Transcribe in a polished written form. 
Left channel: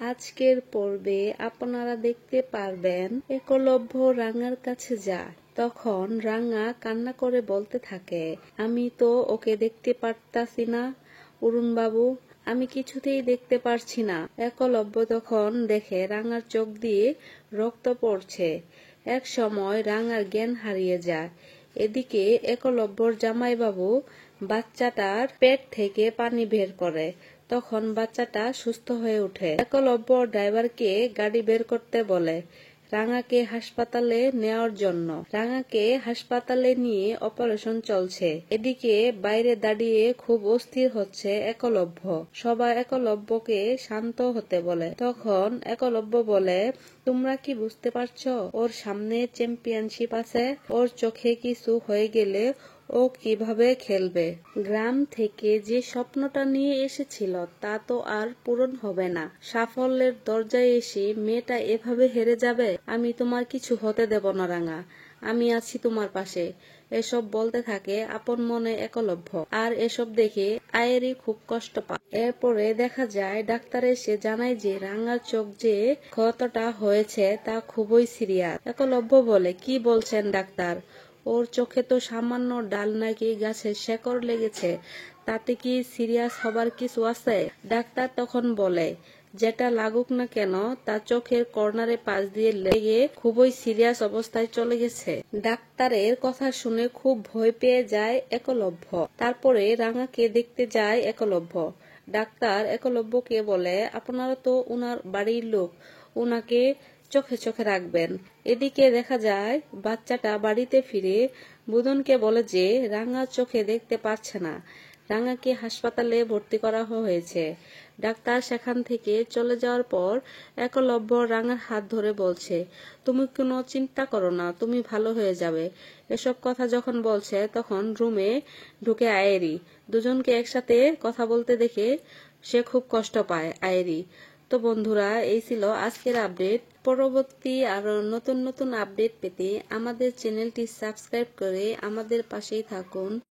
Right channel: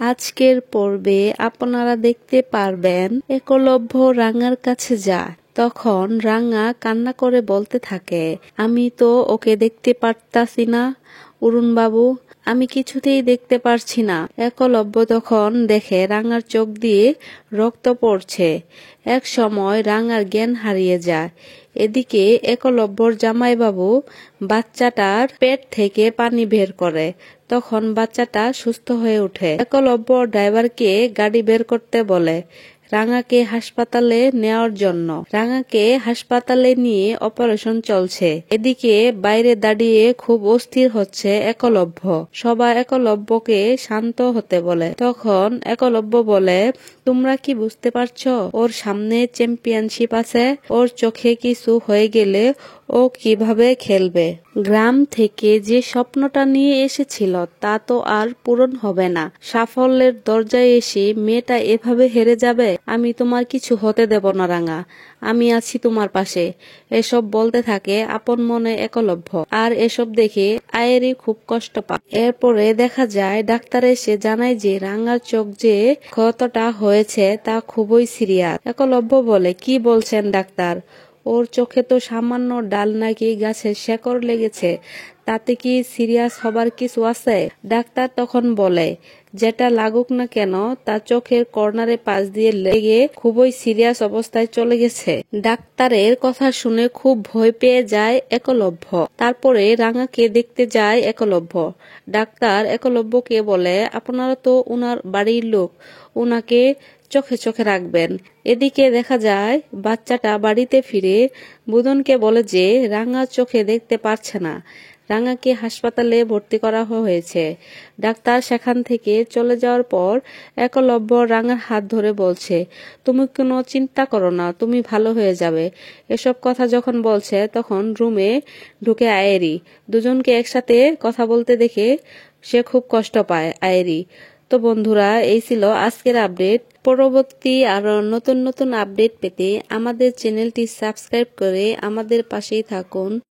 আজকের পর্বে আপনারা দেখতে পারবেন একলব্য রাঙার কাছে যায়। তখন রাঙা কান্না করে বলতে থাকে, আমি তো ওকে দেখতে পারতাছি না অরুণ বাবু, আমি কিছুতেই দেখতে পারছি না। একলব্য তখন দেখে রাঙার চোখ দিয়ে রক্ত পড়ছে। এক সময় রাঙার জ্ঞান হারিয়ে যায়। এদিকে একলব্যর জামাইবাবু বাচ্চাটার পেট থেকে পানি বের করে। তখন বাচ্চাটা সুস্থ হয়ে ওঠে। একলব্য ড্রাইভারকে গাড়ি বের করতে বলে রাঙাকে হাসপাতালে নেওয়ার জন্য। রাঙাকে হাসপাতালে নিয়ে অপারেশন চলছে। এদিকে বাইরে দাঁড়িয়ে খুব অস্থির হচ্ছে একলব্য। সবাই একলব্যকে শান্ত হতে বলে। তখন একলব্য বলে, তোমরা কি বুঝতে পারছো ওর সামনে চ্যাম্পিয়নশিপ আছে, ওর চোখে কিছু হয়ে গেলে ও কিভাবে খেলবে। গ্রাম থেকে যে স্বপ্নটা নিয়ে এসেছিল তা তো আর পূরণ হবে না। সাফল্যের দরজায় এসে মেয়েটা এভাবে হেরে যাবে। আমি তোমার কিছু হতে দেব না রাঙা, আমি আছি তোমার পাশে। এসব বলতে থাকে আপন মনে একলব্য। আর এসব দেখে আয়েরি খুব কষ্ট পায়। এরপরে দেখা যায় ডাক্তার এসে জানায় যে রাঙার চোখ যে ক্ষতটা হয়েছে তা খুবই সিরিয়াস। একলব্য বলে, কি বলছেন ডাক্তার, ওর চোখে তো সামান্য ডাল নাকি গাছের শেকড় লেগেছে, তাতে কি সিরিয়াস হবার কিছু আছে? ডাক্তার তখন বলে, যেটা লাগুক না কেন তা চোখের কর্নারে পাশ দিয়ে লেগে খুবই সিরিয়াস অবস্থায় চলে গেছে। ডাক্তারের কথা শুনে খুব ভয় পেয়ে যায় একলব্য। তারপরে রাঙাকে দেখতে যায় একলব্য। ডাক্তার একলব্যকে বলে, আপনারা তো উনার বাড়ির লোক, উনাকে চোখে চোখে রাখবেন। এদিকে দেখা যায় বাচ্চাটা বাড়িতে ফিরে বুদনকে বলে যে রাঙা চোখে দেখতে পারছে না। রাঙাকে হাসপাতালে ভর্তি করা হয়েছে। ডাক্তার সেখান থেকে চলে যাওয়ার পর একলব্য রাঙার হাত ধরে বলছে, তুমি কোনো চিন্তা করো না, তুমি ভালো হয়ে যাবে। এসব কথা যখন বলছে তখন রুমে ঢুকে আয়েরি। দুজনকে একসাথে কথা বলতে দেখে সে খুব কষ্ট পায় আয়েরি। তো বন্ধুরা, এই ছিল আজকের আপডেট। পরবর্তী আরো নতুন নতুন আপডেট পেতে আমাদের চ্যানেলটি সাবস্ক্রাইব করে আমাদের পাশেই থাকুন।